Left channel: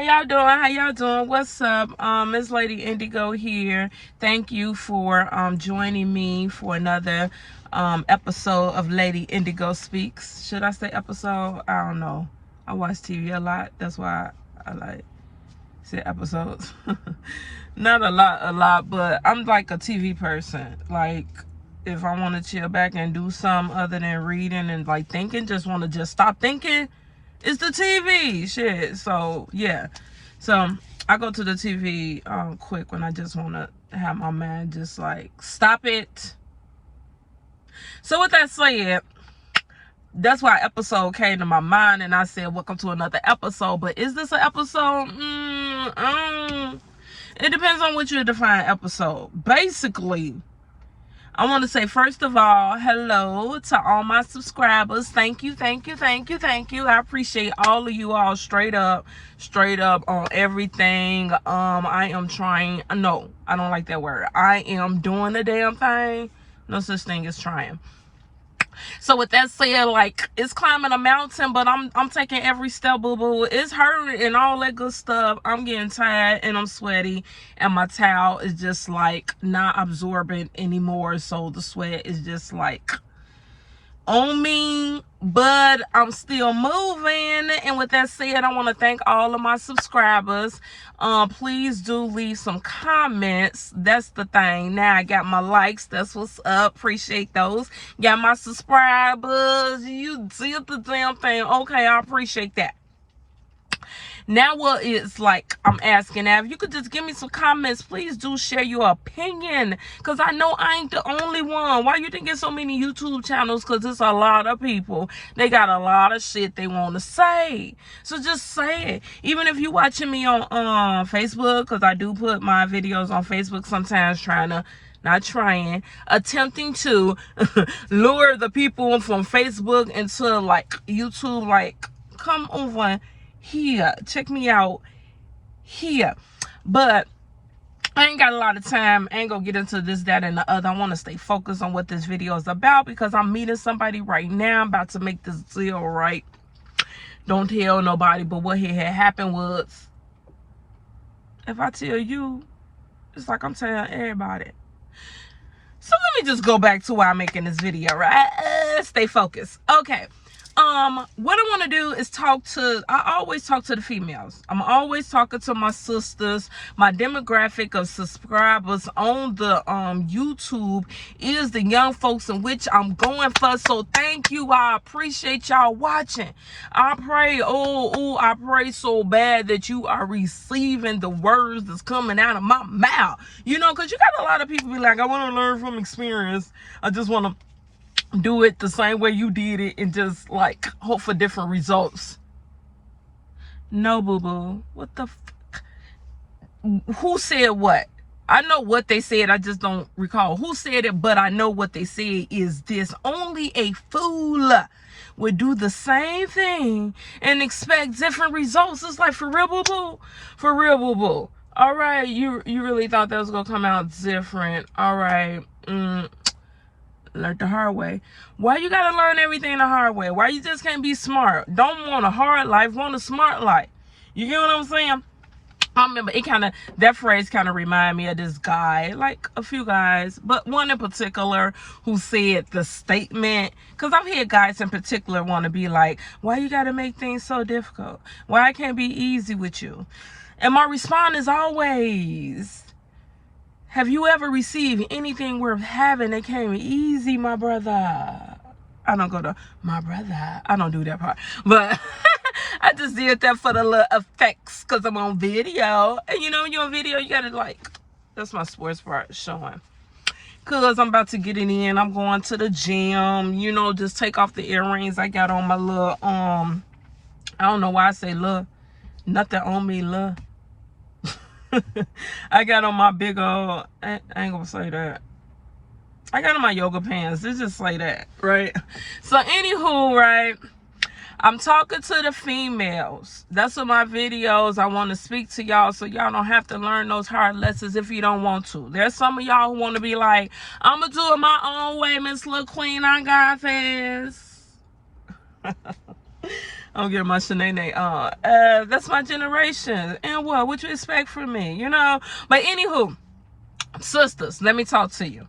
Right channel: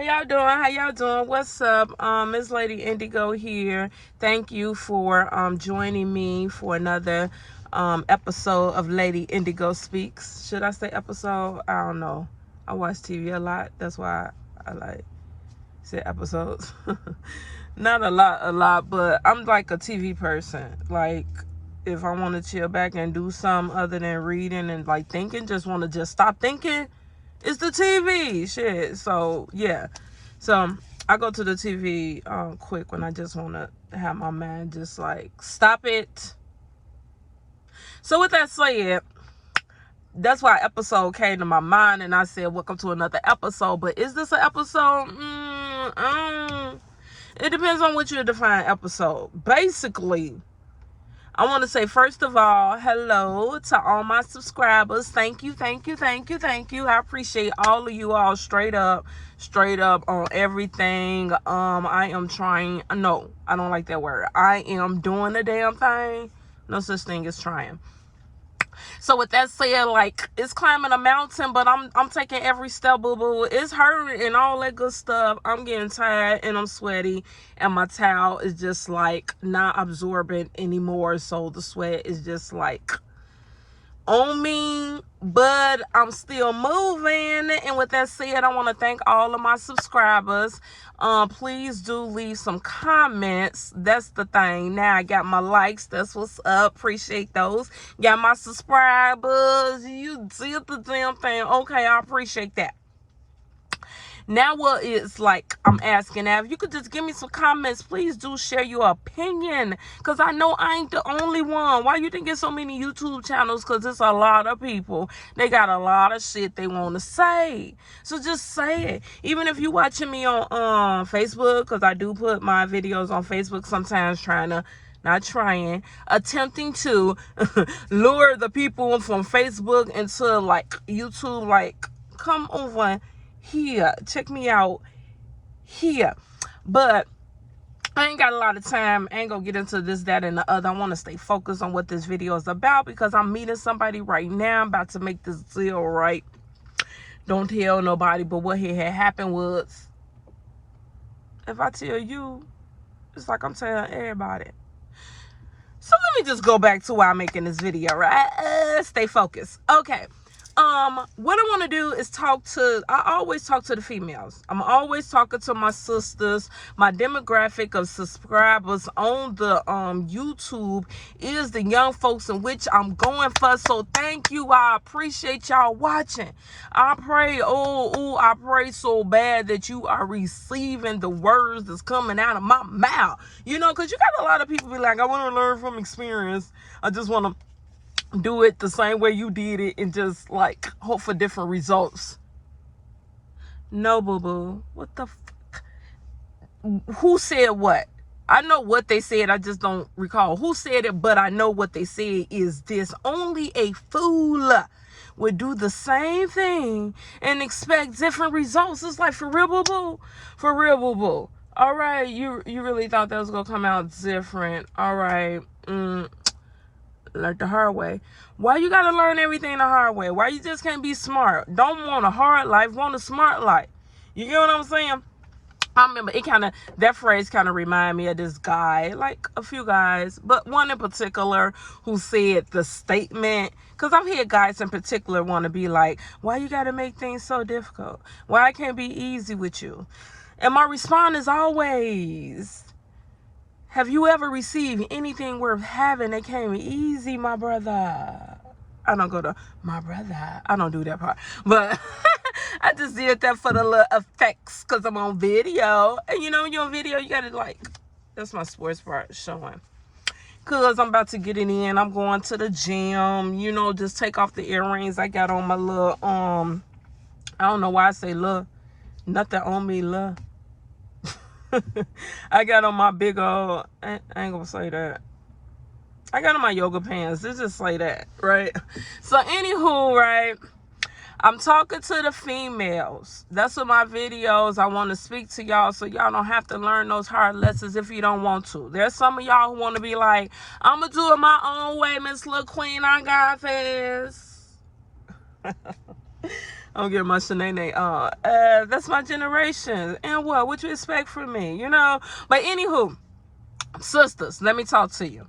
How y'all doing? How y'all doing? What's up? It's Lady Indigo here. Thank you for joining me for another episode of Lady Indigo Speaks. Should I say episode? I don't know. I watch TV a lot. That's why I like say episodes. Not a lot, but I'm like a TV person. Like, if I want to chill back and do something other than reading and like thinking, just want to just stop thinking, it's the TV shit. So yeah, so I go to the TV quick when I just want to have my mind just like stop it. So with that said, that's why episode came to my mind, and I said welcome to another episode. But is this an episode? It depends on what you define episode. Basically, I want to say, first of all, hello to all my subscribers. Thank you. I appreciate all of you all straight up on everything. I am trying. No, I don't like that word. I am doing the damn thing. No such thing as trying. So with that said, like, it's climbing a mountain, but I'm taking every step, boo-boo. It's hurting and all that good stuff. I'm getting tired and I'm sweaty, and my towel is just like not absorbent anymore. So the sweat is just like on me, but I'm still moving. And with that said, I want to thank all of my subscribers. Please do leave some comments. That's the thing. Now I got my likes. That's what's up. Appreciate those. Got my subscribers. You did the damn thing. Okay, I appreciate that. Now what it's like, I'm asking now, if you could just give me some comments, please do share your opinion, because I know I ain't the only one. Why you think there's so many YouTube channels? Because it's a lot of people. They got a lot of shit they want to say. So just say it. Even if you watching me on Facebook, because I do put my videos on Facebook sometimes, attempting to lure the people from Facebook into like YouTube, like, come over here, check me out here. But I ain't got a lot of time. I ain't gonna get into this, that, and the other. I want to stay focused on what this video is about, because I'm meeting somebody right now. I'm about to make this deal right. Don't tell nobody. But what had happened was, if I tell you, it's like I'm telling everybody. So let me just go back to why I'm making this video, right? Stay focused. Okay. What I want to do is I always talk to the females. I'm always talking to my sisters. My demographic of subscribers on the YouTube is the young folks, in which I'm going for. So thank you. I appreciate y'all watching. I pray, I pray so bad that you are receiving the words that's coming out of my mouth. You know, because you got a lot of people be like, I want to learn from experience. I just want to do it the same way you did it and just like hope for different results. No, boo-boo. What the fuck? Who said what? I know what they said, I just don't recall who said it, but I know what they said is this: only a fool would do the same thing and expect different results. It's like, for real, boo-boo? For real, boo-boo? All right, you really thought that was gonna come out different. All right. Learn the hard way. Why you gotta learn everything the hard way? Why you just can't be smart? Don't want a hard life, want a smart life. You get what I'm saying? I remember that phrase kind of reminded me of this guy, like a few guys, but one in particular who said the statement, because I've heard guys in particular want to be like, why you gotta make things so difficult? Why it can't be easy with you? And my response is always, have you ever received anything worth having that came easy, my brother? I don't go to my brother. I don't do that part. But I just did that for the little effects, because I'm on video. And you know, when you're on video, you got to like, that's my sports part showing. Because I'm about to get it in. I'm going to the gym. You know, just take off the earrings. I got on my little, I don't know why I say little. Nothing on me, little. I got on my big old, I ain't gonna say that. I got on my yoga pants. Let's just say that, right? So anywho, right, I'm talking to the females. That's what my videos, I want to speak to y'all, so y'all don't have to learn those hard lessons if you don't want to. There's some of y'all who want to be like, I'm gonna do it my own way, Miss Little Queen, I got this. I'm getting my Shanae on. That's my generation. And what you expect from me, you know? But anywho, sisters, let me talk to you.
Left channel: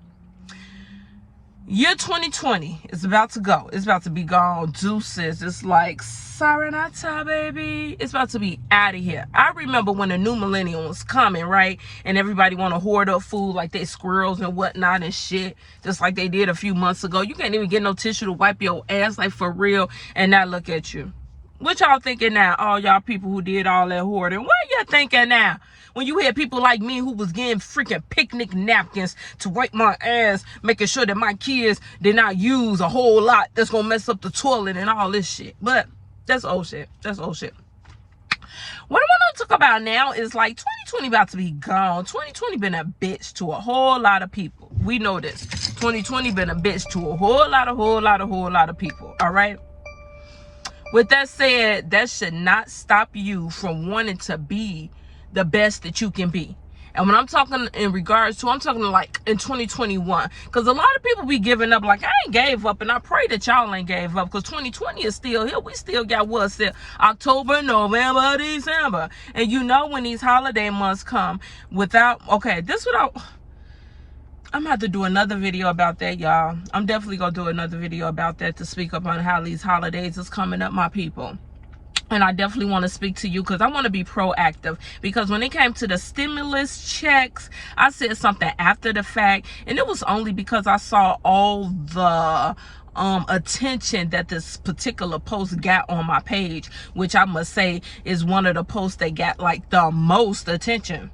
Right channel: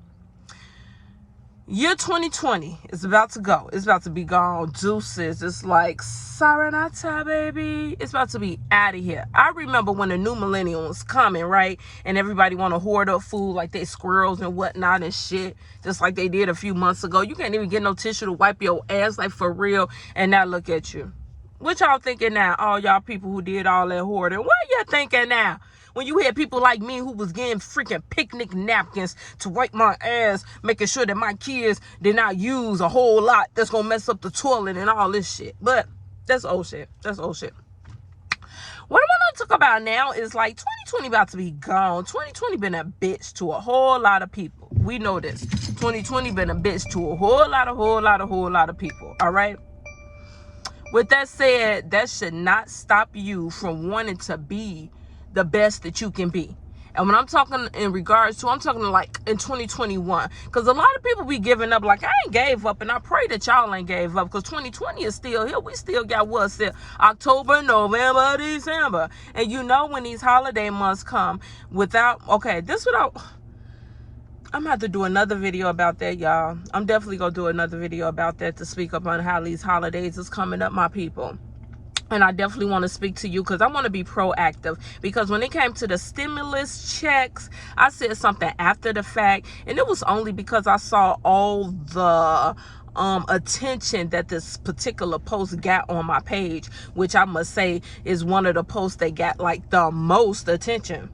Year 2020 is about to go. It's about to be gone. Deuces. It's like, Saranata, baby. It's about to be out of here. I remember when the new millennium was coming, right? And everybody want to hoard up food like they squirrels and whatnot and shit. Just like they did a few months ago. You can't even get no tissue to wipe your ass, like, for real. And now look at you. What y'all thinking now? All y'all people who did all that hoarding. What y'all thinking now? When you hear people like me who was getting freaking picnic napkins to wipe my ass, making sure that my kids did not use a whole lot that's going to mess up the toilet and all this shit. But that's old shit. That's old shit. What I want to talk about now is like 2020 about to be gone. 2020 been a bitch to a whole lot of people. We know this. 2020 been a bitch to a whole lot of people. All right? With that said, that should not stop you from wanting to be the best that you can be. And when I'm talking in regards to, I'm talking like in 2021, because a lot of people be giving up. Like, I ain't gave up, and I pray that y'all ain't gave up, because 2020 is still here. We still got what's it, October, November, December, and you know when these holiday months come without, okay, this without, I'm gonna have to do another video about that, y'all. I'm definitely gonna do another video about that to speak up on how these holidays is coming up, my people. And I definitely want to speak to you because I want to be proactive. Because when it came to the stimulus checks, I said something after the fact. And it was only because I saw all the attention that this particular post got on my page. Which I must say is one of the posts that got like the most attention.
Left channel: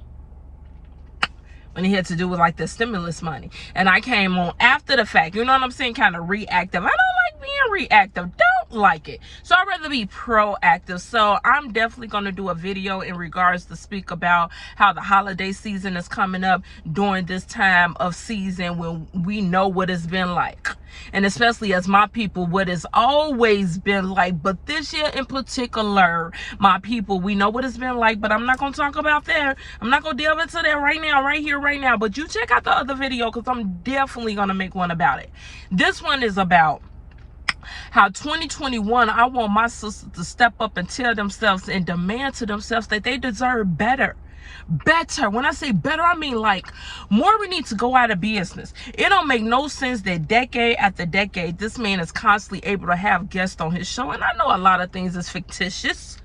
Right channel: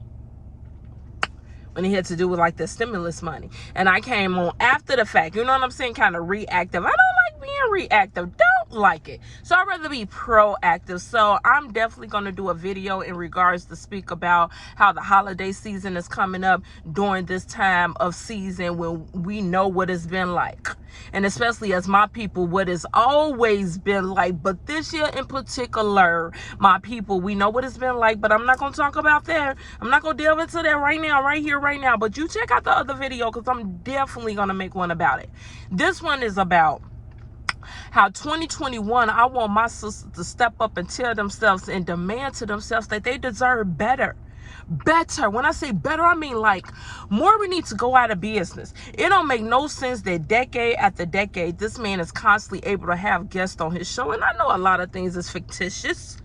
When it had to do with like the stimulus money. And I came on after the fact. You know what I'm saying? Kind of reactive. I don't like being reactive. Don't like it. So I'd rather be proactive. So I'm definitely going to do a video in regards to speak about how the holiday season is coming up during this time of season when we know what it's been like. And especially as my people, what it's always been like. But this year in particular, my people, we know what it's been like. But I'm not going to talk about that. I'm not going to delve into that right now, right here, right now. But you check out the other video because I'm definitely going to make one about it. This one is about how 2021, I want my sisters to step up and tell themselves and demand to themselves that they deserve better. Better. When I say better, I mean like more. We need to go out of business. It don't make no sense that decade after decade, this man is constantly able to have guests on his show. And I know a lot of things is fictitious.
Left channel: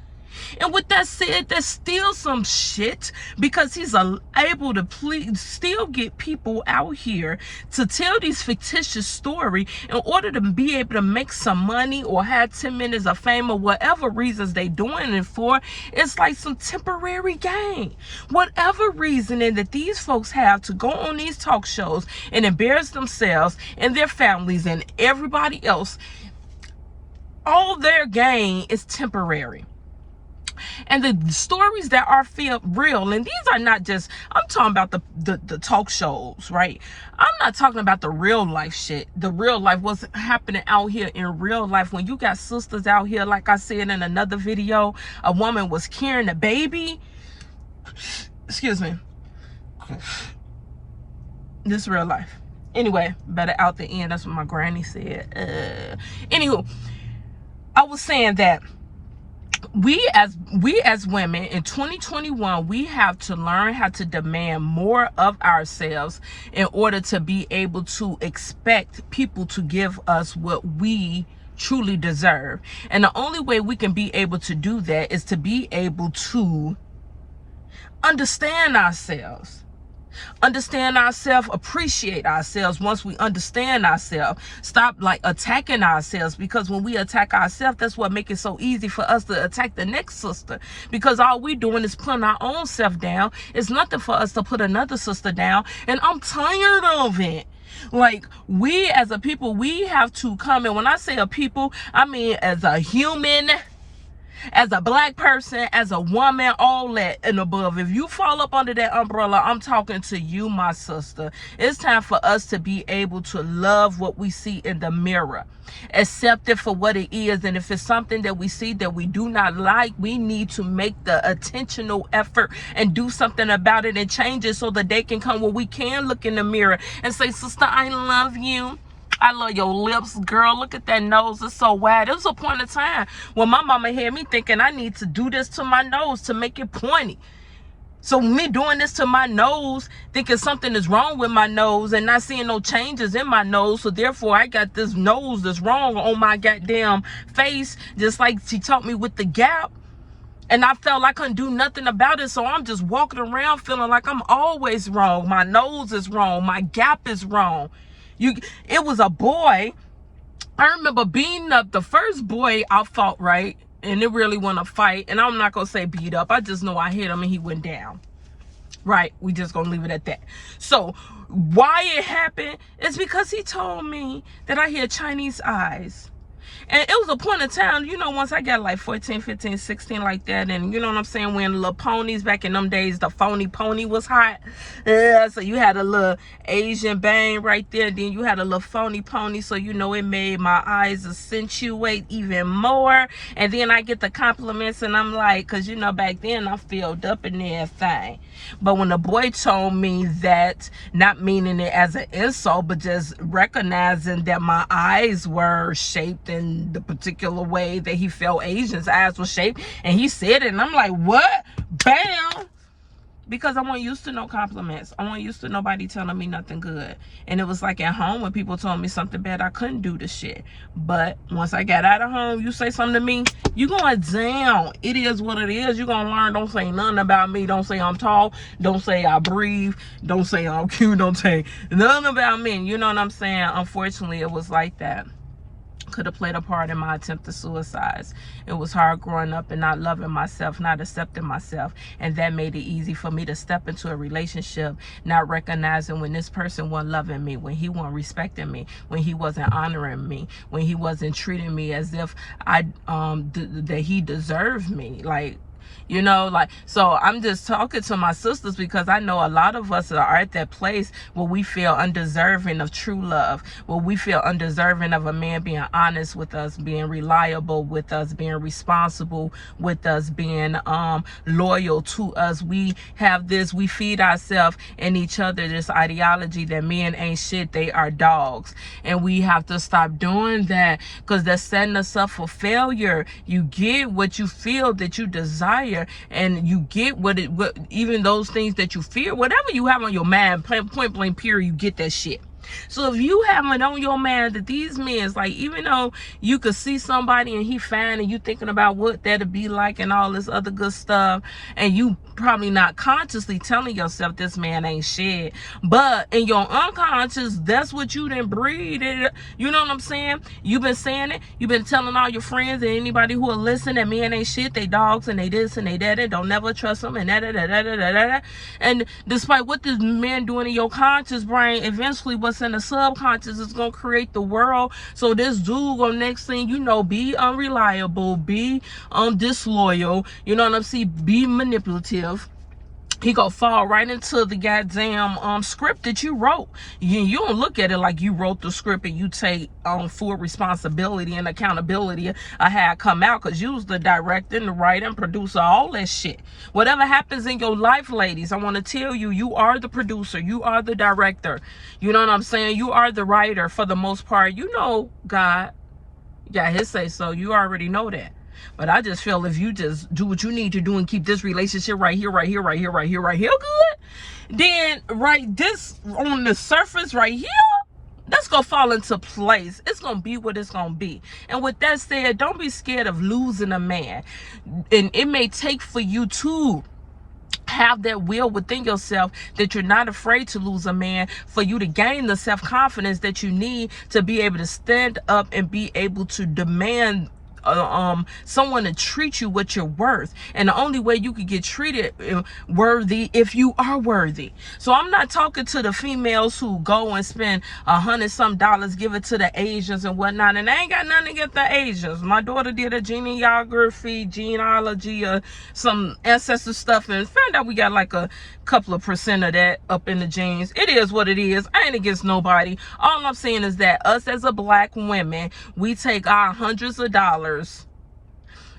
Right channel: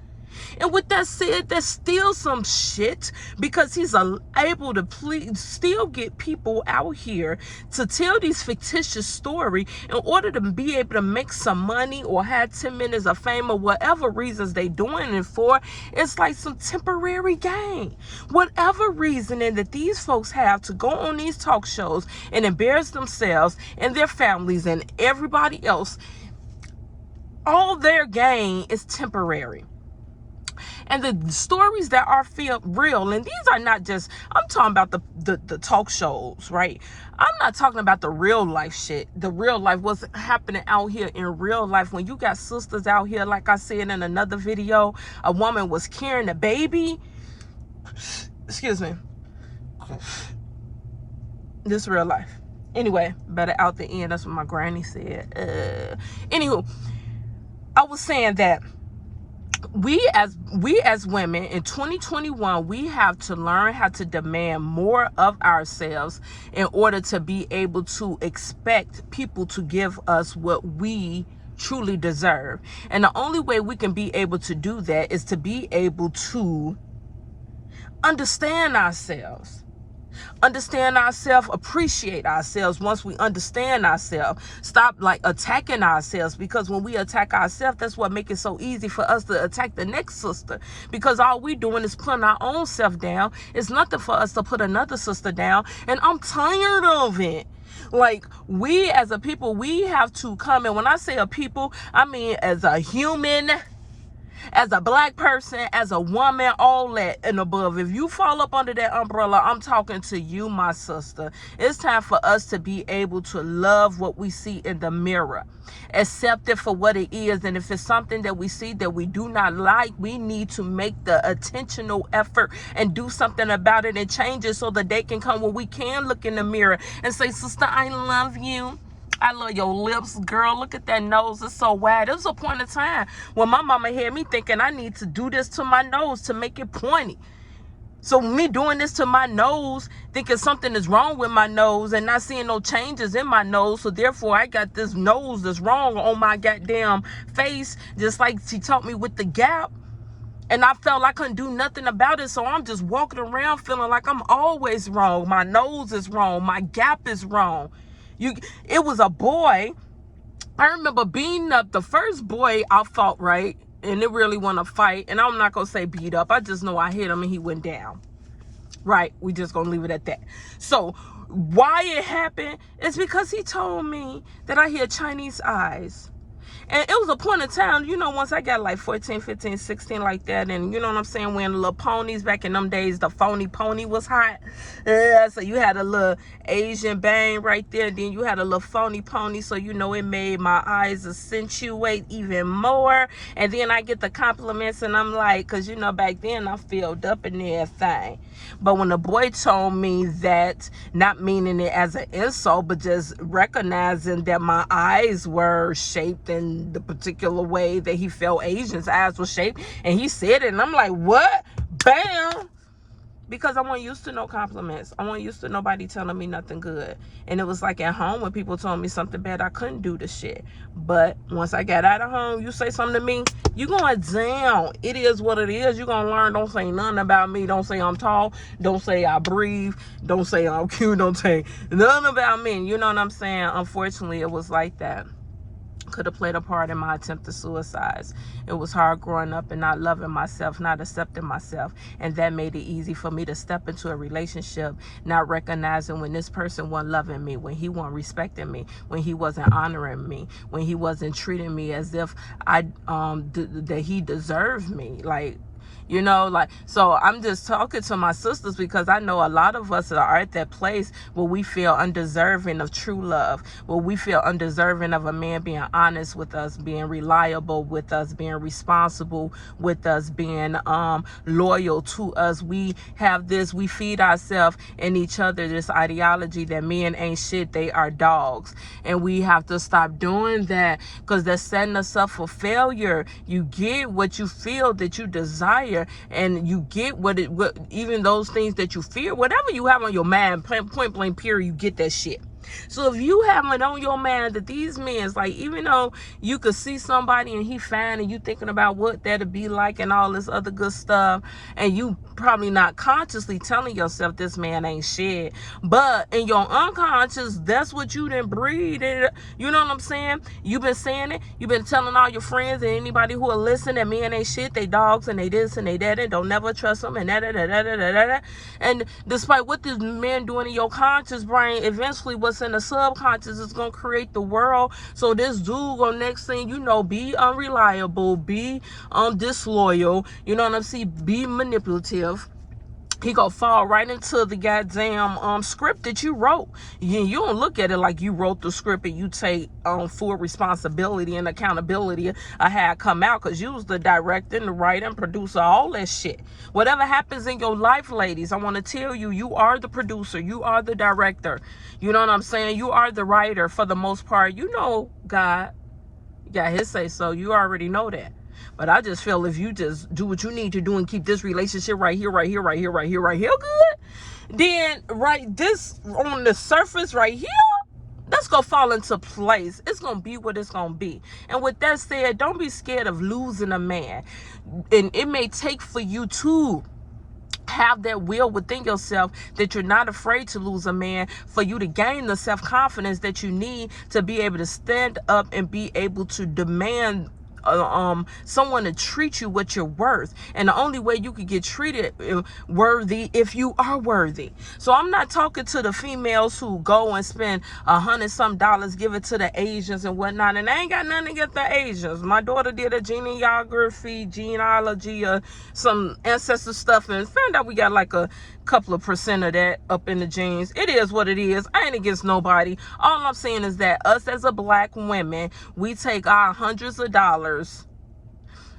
And with that said, there's still some shit because he's able to still get people out here to tell these fictitious story in order to be able to make some money or have 10 minutes of fame or whatever reasons they doing it for. It's like some temporary gain. Whatever reasoning that these folks have to go on these talk shows and embarrass themselves and their families and everybody else, all their gain is temporary. And the stories that are real, and these are not just, I'm talking about the talk shows, right? I'm not talking about the real life shit. The real life, what's happening out here in real life. When you got sisters out here, like I said in another video, a woman was carrying a baby. Excuse me. This real life. Anyway, better out the end. That's what my granny said. Anywho, I was saying that we as women in 2021, we have to learn how to demand more of ourselves in order to be able to expect people to give us what we truly deserve. And the only way we can be able to do that is to be able to understand ourselves. Understand ourselves, appreciate ourselves. Once we understand ourselves, stop like attacking ourselves, because when we attack ourselves, that's what makes it so easy for us to attack the next sister, because all we doing is putting our own self down. It's nothing for us to put another sister down, and I'm tired of it. Like, we as a people, we have to come, and when I say a people, I mean as a human, as a black person, as a woman, all that and above. If you fall up under that umbrella, I'm talking to you, my sister. It's time for us to be able to love what we see in the mirror. Accept it for what it is. And if it's something that we see that we do not like, we need to make the intentional effort and do something about it and change it so the day can come when we can look in the mirror and say, sister, I love you. I love your lips, girl. Look at that nose. It's so wide. There was a point in time when my mama had me thinking I need to do this to my nose to make it pointy. So me doing this to my nose, thinking something is wrong with my nose and not seeing no changes in my nose. So therefore, I got this nose that's wrong on my goddamn face, just like she taught me with the gap. And I felt I couldn't do nothing about it. So I'm just walking around feeling like I'm always wrong. My nose is wrong. My gap is wrong. It was a boy. I remember beating up the first boy I fought, right? And it really want to fight. And I'm not going to say beat up. I just know I hit him and he went down. Right? We just going to leave it at that. So why it happened is because he told me that I hear Chinese eyes. And it was a point in time, you know, once I got like 14, 15, 16 like that, and you know what I'm saying, when little ponies back in them days, the phony pony was hot. So you had a little Asian bang right there, then you had a little phony pony, so you know it made my eyes accentuate even more. And then I get the compliments and I'm like, because you know back then I filled up in everything. But when the boy told me that, not meaning it as an insult, but just recognizing that my eyes were shaped in the particular way that he felt Asians' eyes were shaped, and he said it, and I'm like, what? Bam! Because I wasn't used to no compliments. I wasn't used to nobody telling me nothing good. And it was like at home when people told me something bad, I couldn't do the shit. But once I got out of home, you say something to me, you going down. It is what it is. You gonna learn. Don't say nothing about me. Don't say I'm tall. Don't say I breathe. Don't say I'm cute. Don't say nothing about me. You know what I'm saying? Unfortunately, it was like that. Could have played a part in my attempt to suicide. It was hard growing up and not loving myself, not accepting myself, and that made it easy for me to step into a relationship not recognizing when this person wasn't loving me, when he wasn't respecting me, when he wasn't honoring me, when he wasn't treating me as if that he deserved me. Like, you know, like, so I'm just talking to my sisters because I know a lot of us are at that place where we feel undeserving of true love, where we feel undeserving of a man being honest with us, being reliable with us, being responsible with us, being loyal to us. We have this, we feed ourselves and each other this ideology that men ain't shit, they are dogs. And we have to stop doing that because that's setting us up for failure. You get what you feel that you desire, and you get what even those things that you fear, whatever you have on your mind, point blank period, you get that shit. So if you have it on your mind that these men, like, even though you could see somebody and he fine and you thinking about what that'd be like and all this other good stuff, and you probably not consciously telling yourself this man ain't shit, but in your unconscious, that's what you done breed it. You know what I'm saying? You've been saying it. You've been telling all your friends and anybody who will listen that men ain't shit, they dogs and they this and they that, and don't never trust them and that. And despite what this man doing in your conscious brain, eventually what's in the subconscious is gonna create the world. So this dude gonna, next thing you know, be unreliable, be disloyal, you know what I'm saying, be manipulative. He gonna fall right into the goddamn script that you wrote. You don't look at it like you wrote the script and you take full responsibility and accountability of how it come out, because you was the director and the writer and producer, all that shit. Whatever happens in your life, ladies, I want to tell you, you are the producer, you are the director. You know what I'm saying? You are the writer for the most part. You know God got his say so. You already know that. But I just feel if you just do what you need to do and keep this relationship right here good, then this on the surface right here, that's gonna fall into place. It's gonna be what it's gonna be. And with that said, don't be scared of losing a man. And it may take for you to have that will within yourself that you're not afraid to lose a man, for you to gain the self-confidence that you need to be able to stand up and be able to demand someone to treat you what you're worth. And the only way you could get treated worthy if you are worthy. So I'm not talking to the females who go and spend $100-some, give it to the Asians and whatnot, and I ain't got nothing against the Asians. My daughter did a genealogy or some ancestor stuff and found out we got like a couple of percent of that up in the genes. It is what it is. I ain't against nobody. All I'm saying is that us as a black women, we take our hundreds of dollars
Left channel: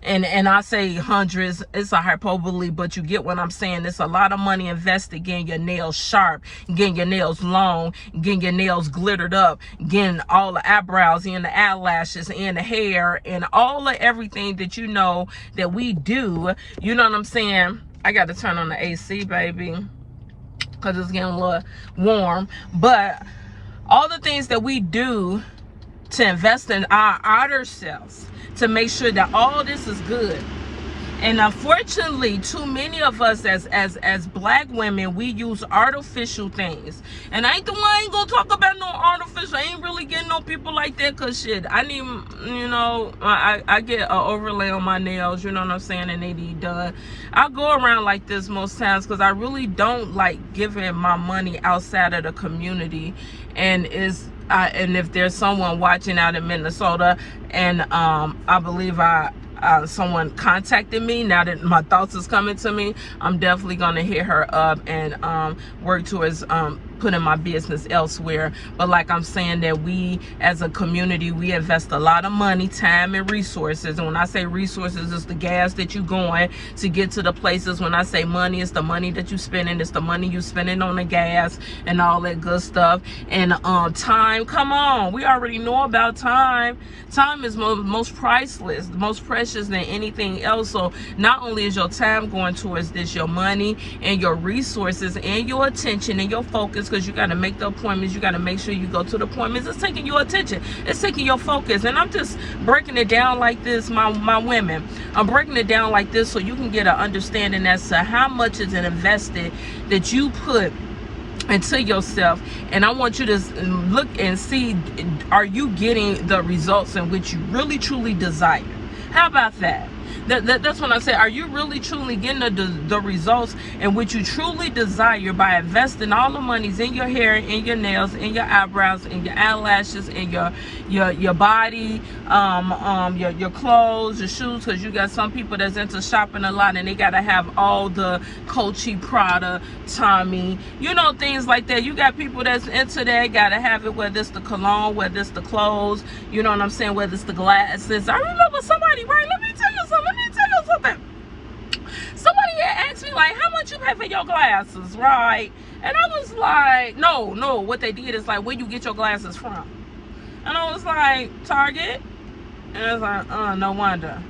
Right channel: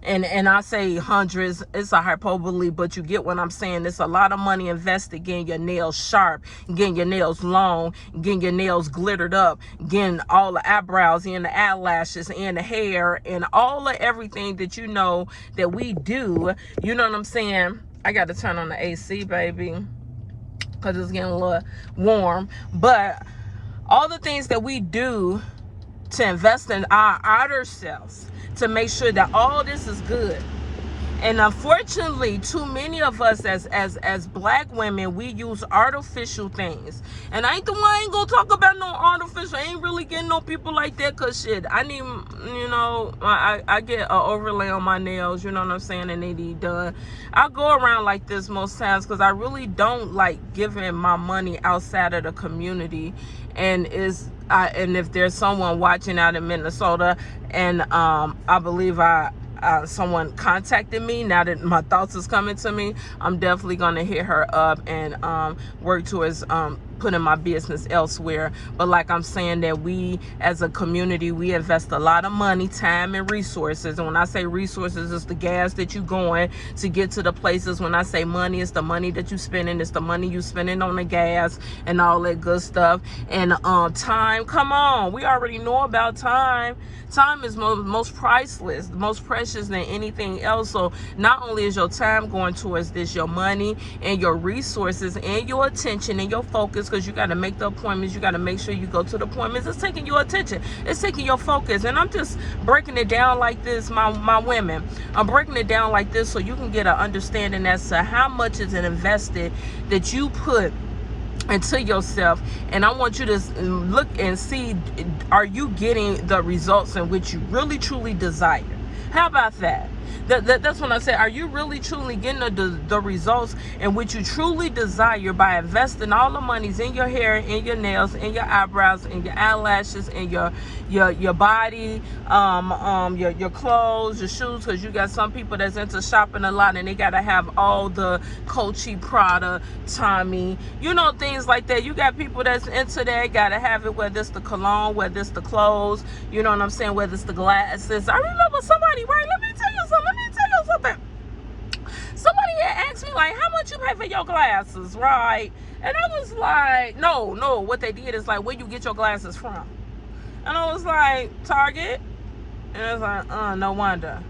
And I say hundreds, it's a hyperbole, but you get what I'm saying. It's a lot of money invested getting your nails sharp, getting your nails long, getting your nails glittered up, getting all the eyebrows and the eyelashes and the hair and all of everything that you know that we do. You know what I'm saying? I got to turn on the AC, baby, because it's getting a little warm. But all the things that we do to invest in our outer selves, to make sure that all this is good. And unfortunately, too many of us as black women, we use artificial things. And I ain't gonna talk about no artificial. I ain't really getting no people like that, cause shit, I need, you know, I get an overlay on my nails, you know what I'm saying, and they need done. I go around like this most times because I really don't like giving my money outside of the community. And and if there's someone watching out in Minnesota, and I believe someone contacted me, now that my thoughts is coming to me, I'm definitely gonna hit her up and work towards putting my business elsewhere. But like I'm saying, that we as a community, we invest a lot of money, time, and resources. And when I say resources, it's the gas that you going to get to the places. When I say money, it's the money that you spending, it's the money you spending on the gas and all that good stuff. And time, come on, we already know about time. Time is most priceless, most precious than anything else. So not only is your time going towards this, your money and your resources and your attention and your focus, because you got to make the appointments, you got to make sure you go to the appointments. It's taking your attention, it's taking your focus. And I'm just breaking it down like this, my women, I'm breaking it down like this so you can get an understanding as to how much is invested that you put into yourself. And I want you to look and see, are you getting the results in which you really truly desire? How about that? That's when I say, are you really truly getting the results in which you truly desire by investing all the monies in your hair, in your nails, in your eyebrows, in your eyelashes, in your body, your clothes, your shoes? Because you got some people that's into shopping a lot and they gotta have all the Coachy, Prada, Tommy, you know, things like that. You got people that's into that, gotta have it, whether it's the cologne, whether it's the clothes, you know what I'm saying, whether it's the glasses. I remember somebody, right, let me tell you something. Somebody had asked me, like, how much you pay for your glasses, right? And I was like, no, what they did is like, where you get your glasses from? And I was like, Target. And I was like, no wonder.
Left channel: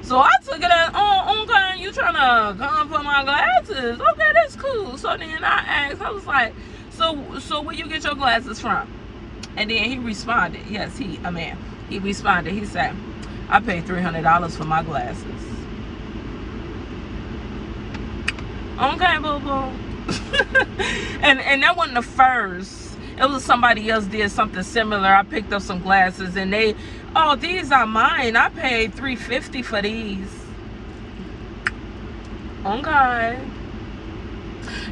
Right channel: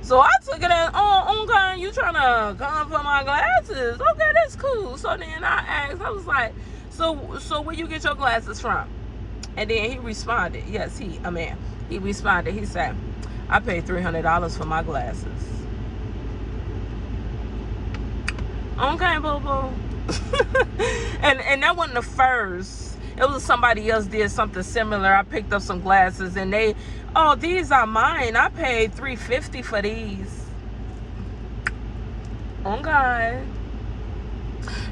So I took it as, okay, you trying to come for my glasses? Okay, that's cool. So then I asked, I was like, so where you get your glasses from? And then he responded, yes, a man. He responded, he said, I paid $300 for my glasses. Okay, boo-boo. and that wasn't the first. It was somebody else did something similar. I picked up some glasses and these are mine. I paid $350 for these. Okay.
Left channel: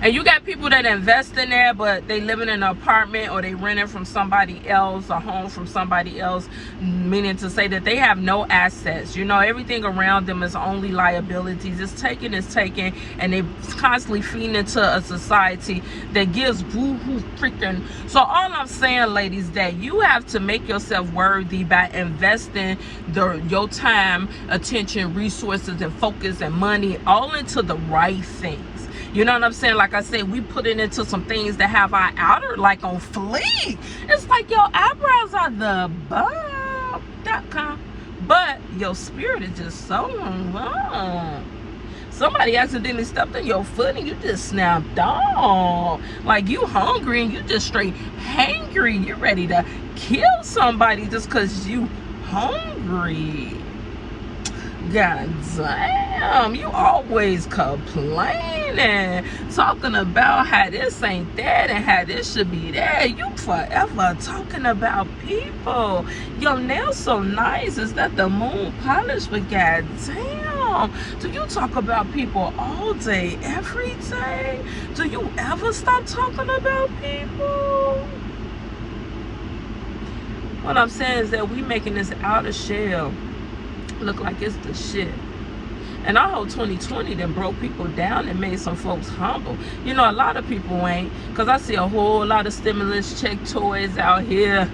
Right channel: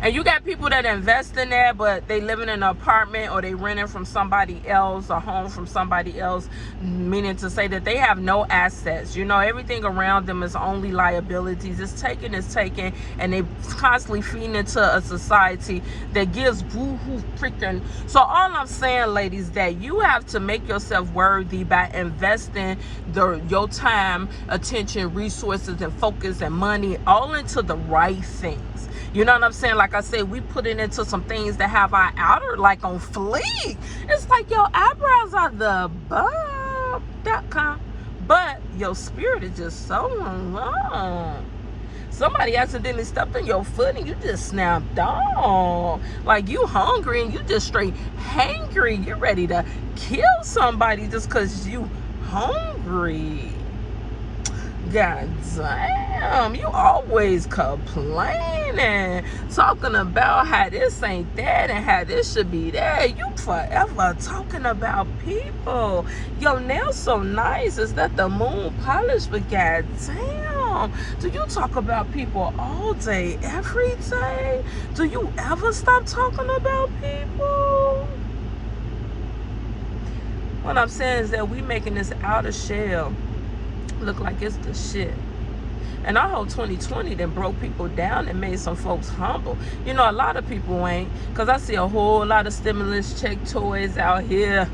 And you got people that invest in there, but they live in an apartment or they renting from somebody else, a home from somebody else, meaning to say that they have no assets. You know, everything around them is only liabilities. It's taken, and they constantly feeding into a society that gives boo-hoo freaking. So all I'm saying, ladies, that you have to make yourself worthy by investing your time, attention, resources, and focus and money all into the right things. You know what I'm saying? Like I say, we put it into some things that have our outer like on fleek. It's like your eyebrows are the bob.com, but your spirit is just so long. Somebody accidentally stepped on your foot and you just snapped on. Like you hungry and you just straight hangry. You're ready to kill somebody just because you hungry. God damn, you always complaining, talking about how this ain't that and how this should be that. You forever talking about people. Your nails so nice. Is that the moon polish? But god damn, do you talk about people all day, every day? Do you ever stop talking about people? What I'm saying is that we making this outer shell look like it's the shit. And I hope 2020 then broke people down and made some folks humble. You know, a lot of people ain't, because I see a whole lot of stimulus check toys out here.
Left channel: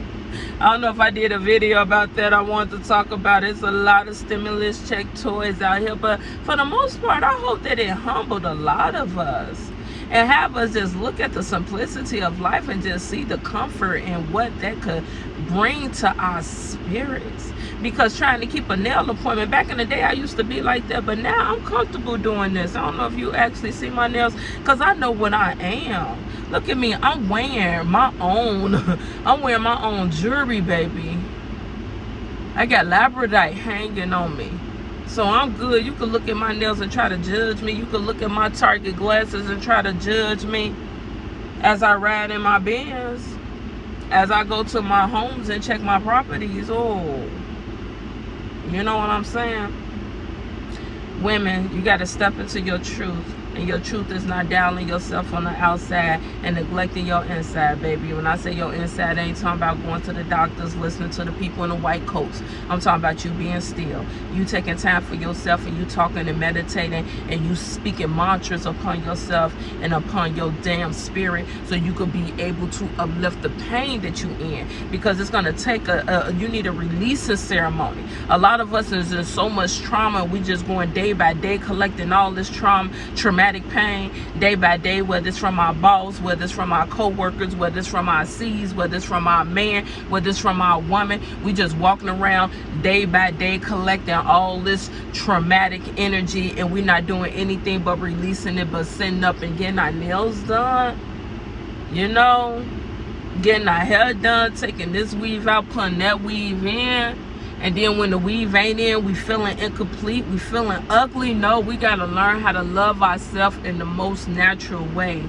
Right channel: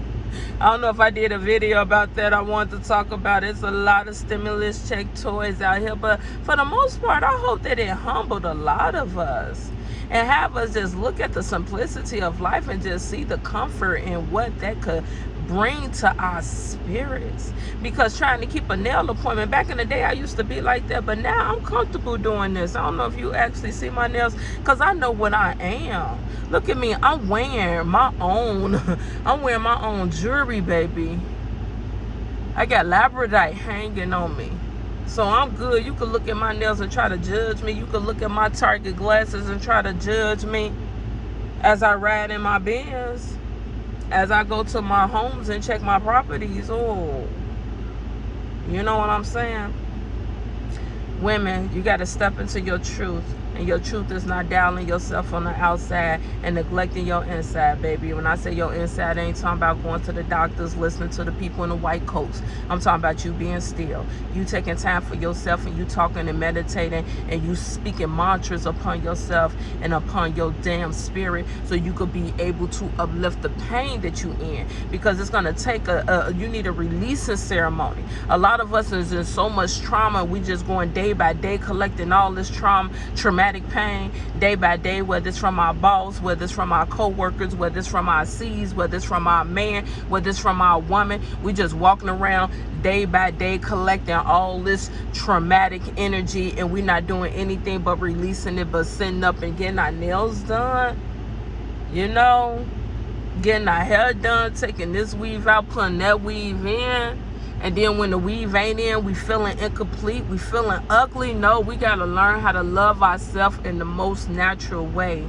I don't know if I did a video about that. I wanted to talk about it. There's a lot of stimulus check toys out here, but for the most part, I hope that it humbled a lot of us and have us just look at the simplicity of life and just see the comfort and what that could bring to our spirits. Because trying to keep a nail appointment, back in the day I used to be like that, but now I'm comfortable doing this. I don't know if you actually see my nails, because I know what I am. Look at me, I'm wearing my own jewelry, baby. I got labradorite hanging on me. So I'm good. You can look at my nails and try to judge me. You can look at my Target glasses and try to judge me as I ride in my Benz, as I go to my homes and check my properties. Oh, you know what I'm saying? Women, you got to step into your truth. And your truth is not dialing yourself on the outside and neglecting your inside, baby. When I say your inside, I ain't talking about going to the doctors, listening to the people in the white coats. I'm talking about you being still. You taking time for yourself, and you talking and meditating, and you speaking mantras upon yourself and upon your damn spirit, so you could be able to uplift the pain that you in. Because it's going to take you need a releasing ceremony. A lot of us is in so much trauma. We just going day by day collecting all this traumatic pain day by day, whether it's from our boss, whether it's from our co-workers, whether it's from our C's, whether it's from our man, whether it's from our woman. We just walking around day by day collecting all this traumatic energy, and we're not doing anything but releasing it, but sitting up and getting our nails done, you know, getting our hair done, taking this weave out, putting that weave in. And then when the weave ain't in, we feeling incomplete, we feeling ugly. No, we got to learn how to love ourselves in the most natural way.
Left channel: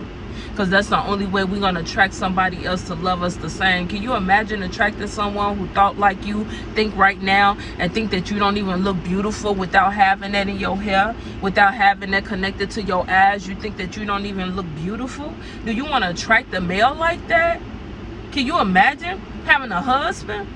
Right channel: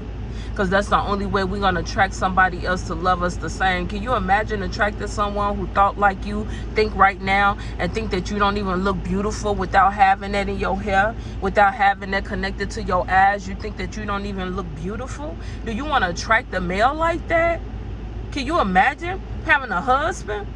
Because that's the only way we're going to attract somebody else to love us the same. Can you imagine attracting someone who thought like you think right now, and think that you don't even look beautiful without having that in your hair, without having that connected to your eyes? You think that you don't even look beautiful? Do you want to attract a male like that? Can you imagine having a husband,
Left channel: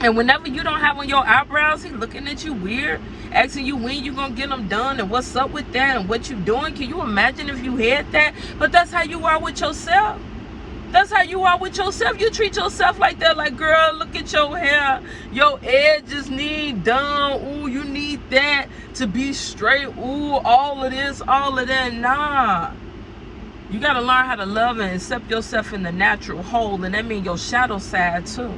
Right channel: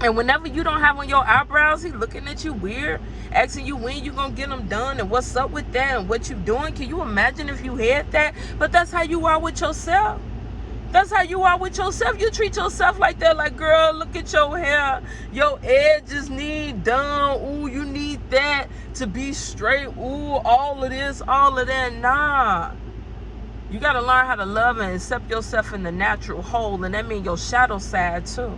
and whenever you don't have on your eyebrows, he looking at you weird, asking you when you gonna get them done and what's up with that and what you doing? Can you imagine if you had that? But that's how you are with yourself. That's how you are with yourself. You treat yourself like that. Like, girl, look at your hair. Your edges need done. Ooh, you need that to be straight. Ooh, all of this, all of that. Nah. You got to learn how to love and accept yourself in the natural whole. And that means your shadow side too.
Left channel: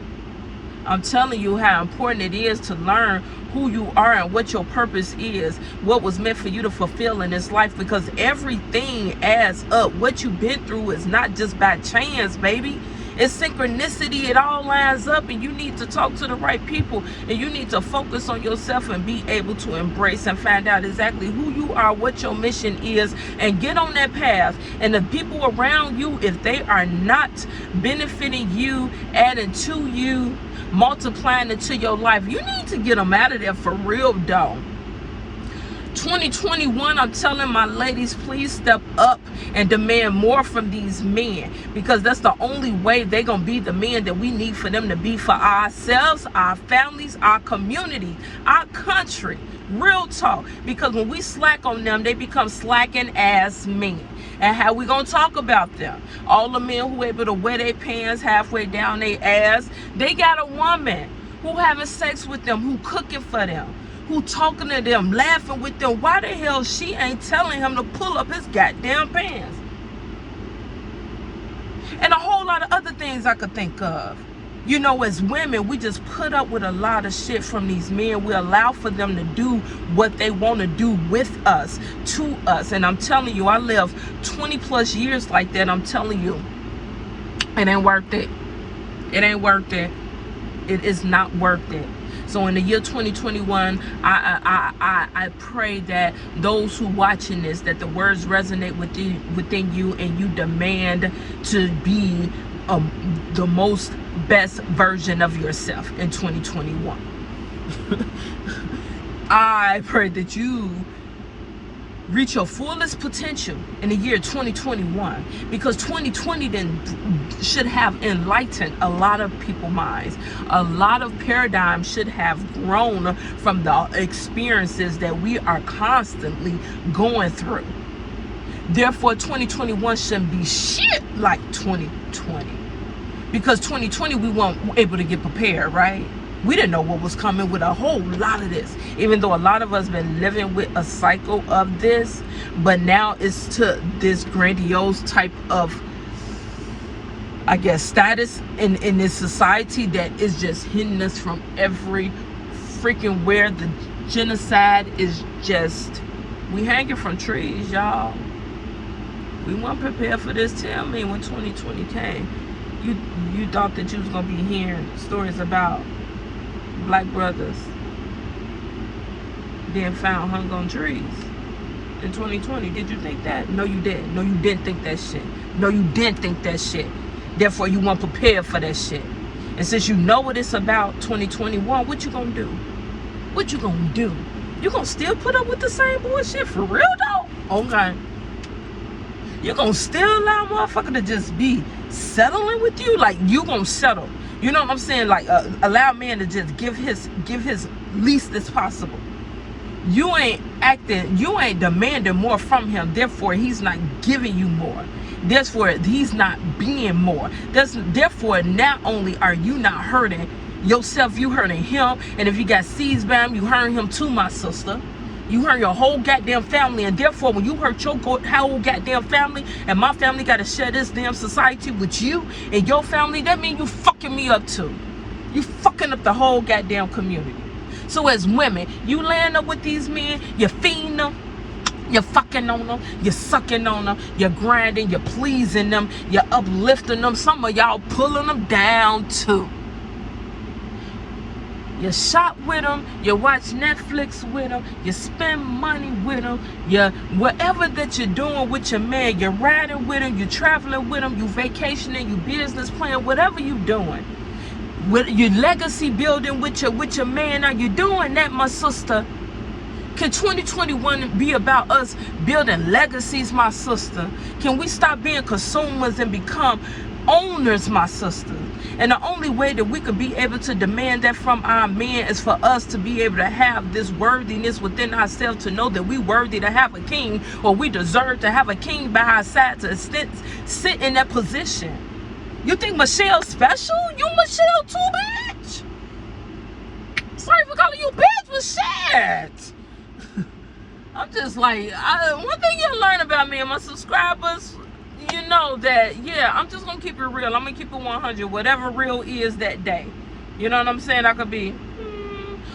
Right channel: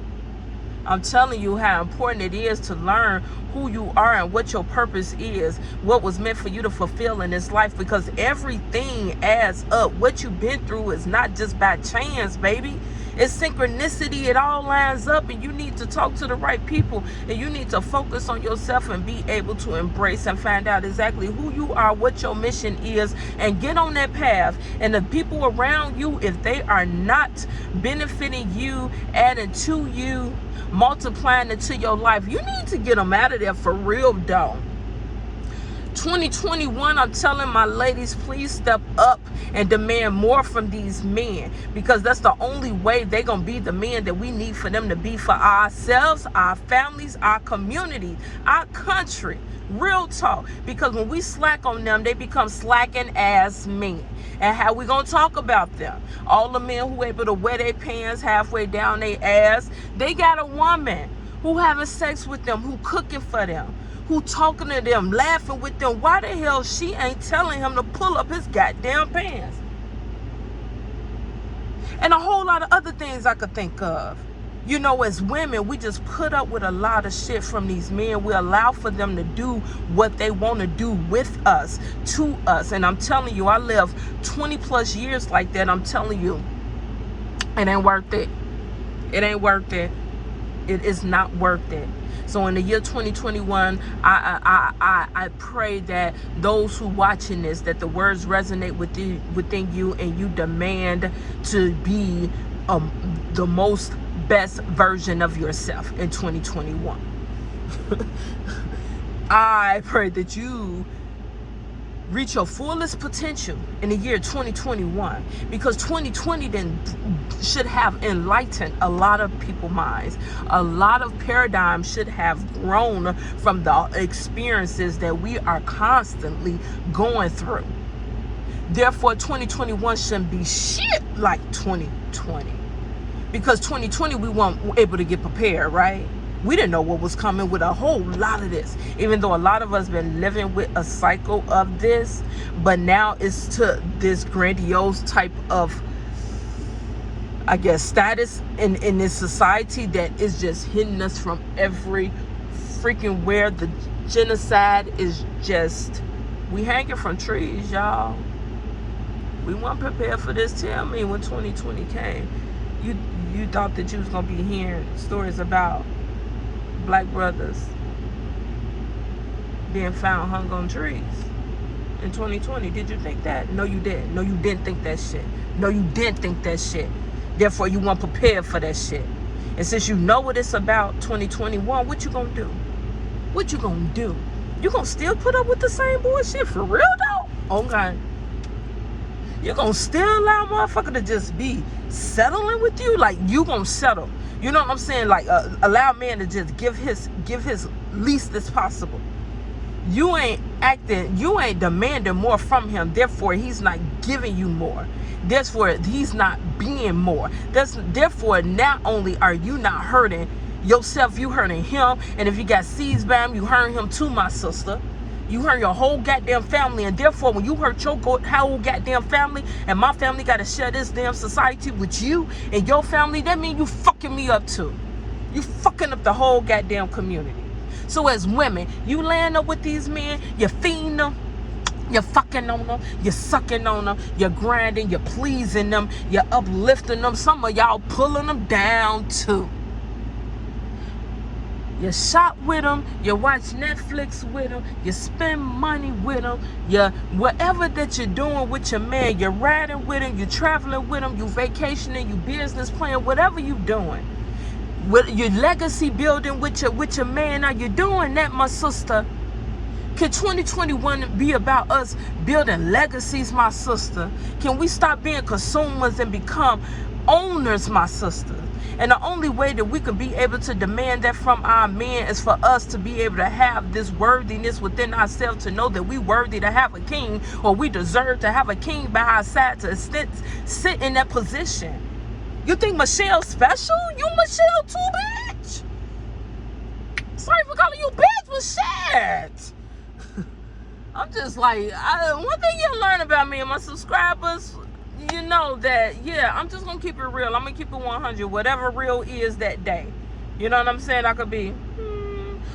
I'm telling you how important it is to learn who you are and what your purpose is, what was meant for you to fulfill in this life, because everything adds up. What you've been through is not just by chance, baby. It's synchronicity. It all lines up, and you need to talk to the right people, and you need to focus on yourself and be able to embrace and find out exactly who you are, what your mission is, and get on that path. And the people around you, if they are not benefiting you, adding to you, multiplying into your life, you need to get them out of there for real though. 2021, I'm telling my ladies, please step up and demand more from these men, because that's the only way they're gonna be the men that we need for them to be for ourselves, our families, our community, our country. Real talk. Because when we slack on them, they become slacking ass men. And how we gonna talk about them? All the men who able to wear their pants halfway down their ass, they got a woman who having sex with them, who cooking for them, who talking to them, laughing with them. Why the hell she ain't telling him to pull up his goddamn pants? And a whole lot of other things I could think of. You know, as women, we just put up with a lot of shit from these men. We allow for them to do what they want to do with us, to us. And I'm telling you, I lived 20 plus years like that. I'm telling you, it ain't worth it. It ain't worth it. It is not worth it. So in the year 2021, I pray that those who watching this, that the words resonate within you, and you demand to be the most best version of yourself in 2021. I pray that you reach your fullest potential in the year 2021, because 2020 then should have enlightened a lot of people's minds. A lot of paradigms should have grown from the experiences that we are constantly going through. Therefore, 2021 shouldn't be shit like 2020. because 2020 we weren't able to get prepared, right? We didn't know what was coming with a whole lot of this, even though a lot of us been living with a cycle of this, but now it's to this grandiose type of, I guess, status in this society that is just hitting us from every freaking where. The genocide is just, we hanging from trees, y'all. We weren't prepared for this. Tell me, when 2020 came, you thought that you was gonna be hearing stories about black brothers being found hung on trees in 2020? Did you think that? No, you didn't. No, you didn't think that shit. No, you didn't think that shit. Therefore, you weren't prepared for that shit. And since you know what it's about, 2021, what you gonna do? What you gonna do? You gonna still put up with the same bullshit for real though? Okay. You gonna still allow a motherfucker to just be settling with you? Like, you gonna settle? You know what I'm saying? Like, allow man to just give his least as possible. You ain't acting, you ain't demanding more from him. Therefore, he's not giving you more. Therefore, he's not being more. Therefore, not only are you not hurting yourself, you hurting him. And if you got seeds bound, you hurting him too, my sister. You hurt your whole goddamn family. And therefore, when you hurt your whole goddamn family, and my family got to share this damn society with you and your family, that means you fucking me up too. You fucking up the whole goddamn community. So as women, you laying up with these men, you're feeding them, you're fucking on them, you're sucking on them, you're grinding, you're pleasing them, you're uplifting them. Some of y'all pulling them down too. You shop with them, you watch Netflix with them, you spend money with them, you whatever that you're doing with your man, you're riding with him, you're traveling with him, you vacationing, you business plan, whatever you doing. With your legacy building with your man, are you doing that, my sister? Can 2021 be about us building legacies, my sister? Can we stop being consumers and become owners, my sister? And the only way that we could be able to demand that from our men is for us to be able to have this worthiness within ourselves, to know that we worthy to have a king, or we deserve to have a king by our side to sit in that position. You think Michelle's special? You Michelle too, bitch. Sorry for calling you bitch, but shit. I'm just like, one thing you learn about me and my subscribers, you know that, yeah, I'm just gonna keep it real. I'm gonna keep it 100, whatever real is that day. You know what I'm saying? I could be,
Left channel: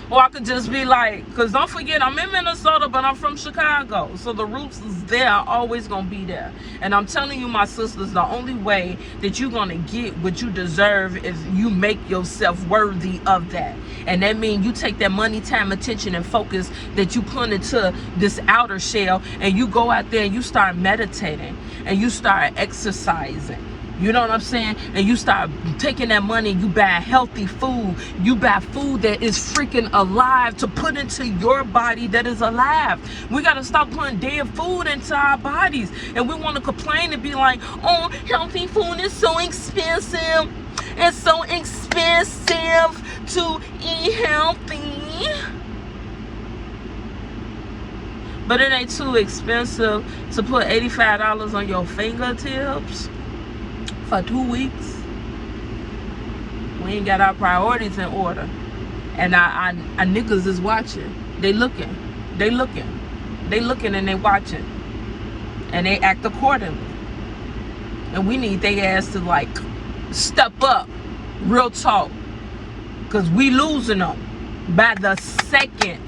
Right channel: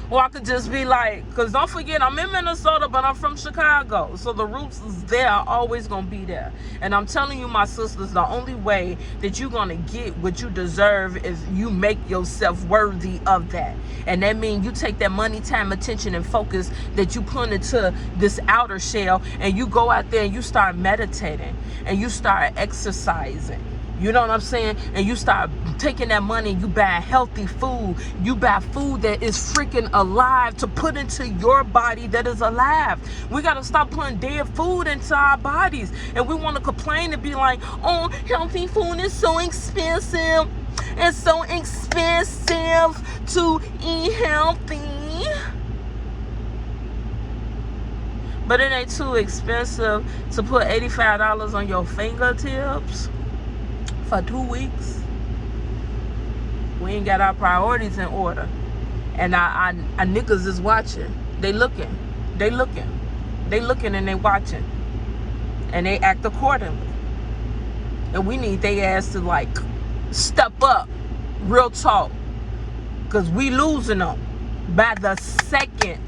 or I could just be like, because don't forget, I'm in Minnesota, but I'm from Chicago. So the roots is there, always gonna be there. And I'm telling you, my sisters, the only way that you're gonna get what you deserve is you make yourself worthy of that. And that means you take that money, time, attention, and focus that you put into this outer shell, and you go out there and you start meditating, and you start exercising. You know what I'm saying? And you start taking that money, you buy healthy food. You buy food that is freaking alive to put into your body that is alive. We got to stop putting dead food into our bodies. And we want to complain and be like, oh, healthy food is so expensive. It's so expensive to eat healthy. But it ain't too expensive to put $85 on your fingertips for 2 weeks. We ain't got our priorities in order. And our niggas is watching. They looking. They looking. They looking and they watching. And they act accordingly. And we need their ass to like step up. Real talk. Because we losing them by the second.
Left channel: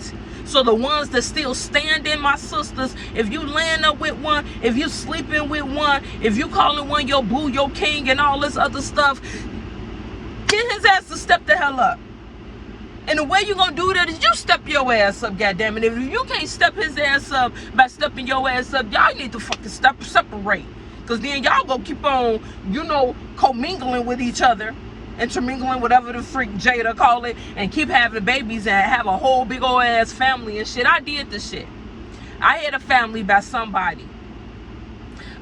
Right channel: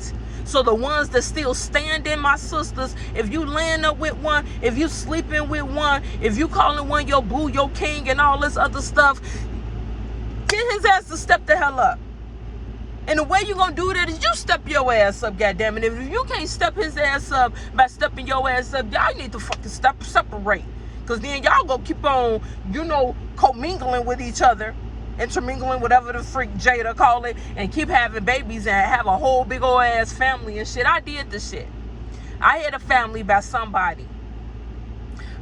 So the ones that still standing, my sisters, if you laying up with one, if you sleeping with one, if you calling one your boo, your king, and all this other stuff, get his ass to step the hell up. And the way you gonna do that is you step your ass up, goddammit. If you can't step his ass up by stepping your ass up, y'all need to fucking separate. Because then y'all gonna keep on, you know, commingling with each other. Intermingling, whatever the freak Jada call it, and keep having babies and have a whole big old ass family and shit. I did the shit. I had a family by somebody.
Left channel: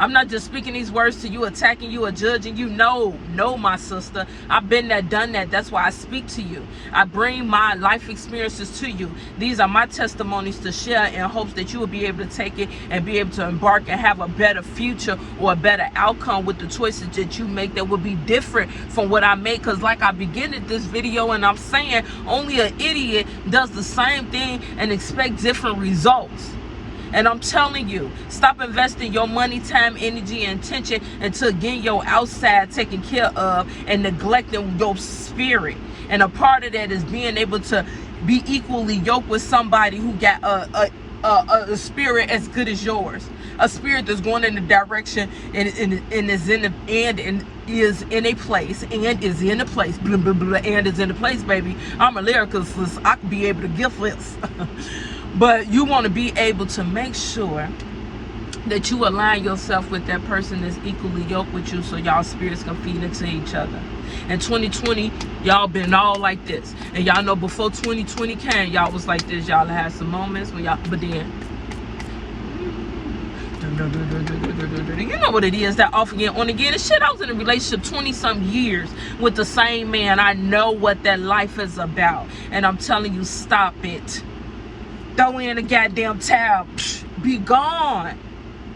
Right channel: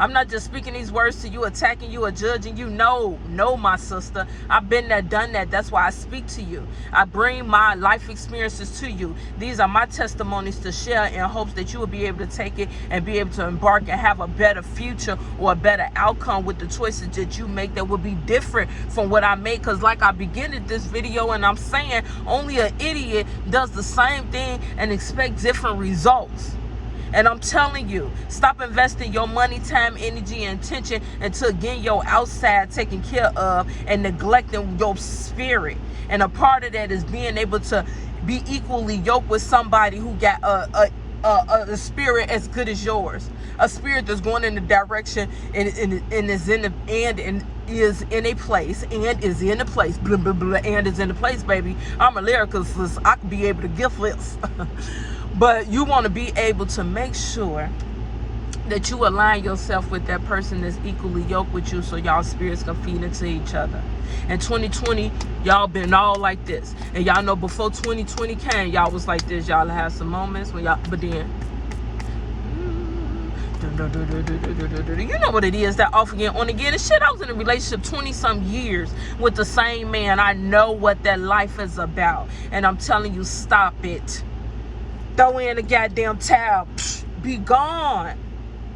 I'm not just speaking these words to you, attacking you, or judging you. No, my sister. I've been there, done that. That's why I speak to you. I bring my life experiences to you. These are my testimonies to share in hopes that you will be able to take it and be able to embark and have a better future or a better outcome with the choices that you make that will be different from what I make. Because like I began at this video and I'm saying, only an idiot does the same thing and expect different results. And I'm telling you, stop investing your money, time, energy, and attention into getting your outside taken care of and neglecting your spirit. And a part of that is being able to be equally yoked with somebody who got a spirit as good as yours. A spirit that's going in the direction and is in the and is in a place and is in a place. Blah, blah, blah, and is in a place, baby. I'm a lyricist. I can be able to give this. But you want to be able to make sure that you align yourself with that person that's equally yoked with you so y'all spirits can feed into each other. In 2020, y'all been all like this. And y'all know before 2020 came, y'all was like this. Y'all had some moments when y'all, but then, you know what it is, that off again, on again. And shit, I was in a relationship 20-some years with the same man. I know what that life is about. And I'm telling you, stop it. Throw in a goddamn towel. Psh, be gone.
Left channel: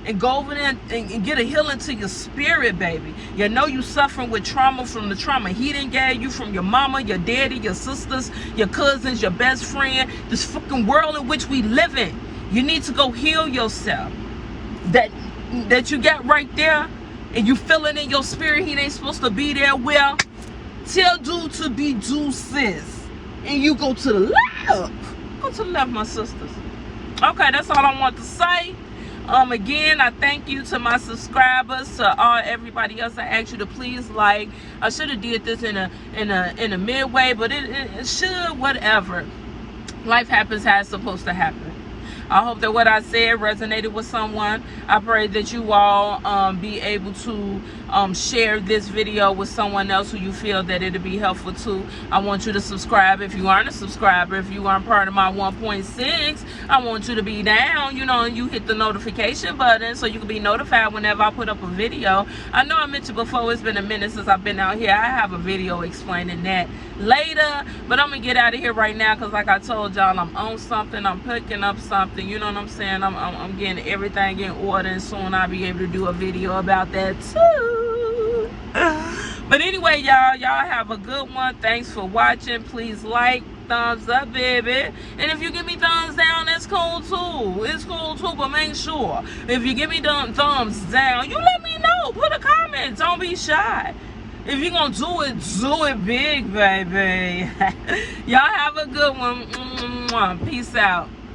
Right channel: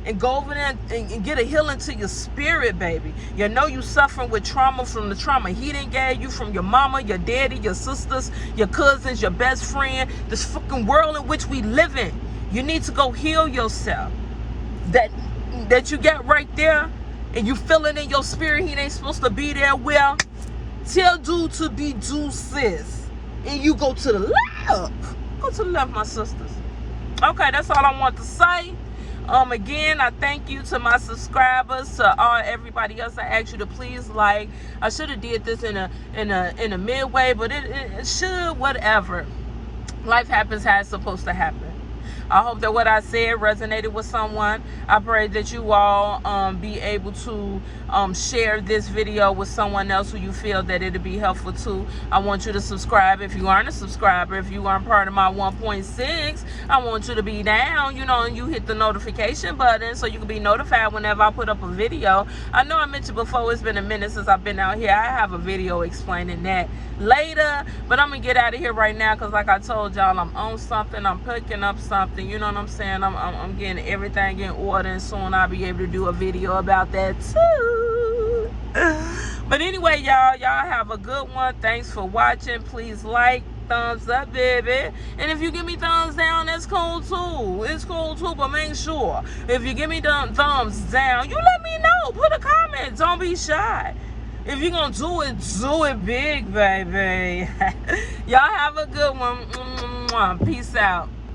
And go over there and get a healing to your spirit, baby. You know you suffering with trauma from the trauma he done gave you from your mama, your daddy, your sisters, your cousins, your best friend. This fucking world in which we live in. You need to go heal yourself. That you got right there and you feel it in your spirit he ain't supposed to be there. Well, tell dude to be due, sis. And you go to the left. Go to the left, my sisters. Okay, that's all I want to say. Again, I thank you to my subscribers, to everybody else. I asked you to please like. I should have did this in a midway, but it should, whatever. Life happens how it's supposed to happen. I hope that what I said resonated with someone. I pray that you all be able to share this video with someone else who you feel that it'll be helpful to. I want you to subscribe if you aren't a subscriber. If you aren't part of my 1.6, I want you to be down, you know, and you hit the notification button so you can be notified whenever I put up a video. I know I mentioned before, it's been a minute since I've been out here. I have a video explaining that later, but I'm gonna get out of here right now because like I told y'all, I'm on something. I'm picking up something. You know what I'm saying? I'm getting everything in order, and soon I'll be able to do a video about that too. But anyway, y'all have a good one. Thanks for watching. Please like, thumbs up, baby. And if you give me thumbs down, that's cool too. It's cool too, but make sure if you give me thumbs down, you let me know. Put a comment. Don't be shy. If you're gonna do it big, baby. Y'all have a good one. Peace out.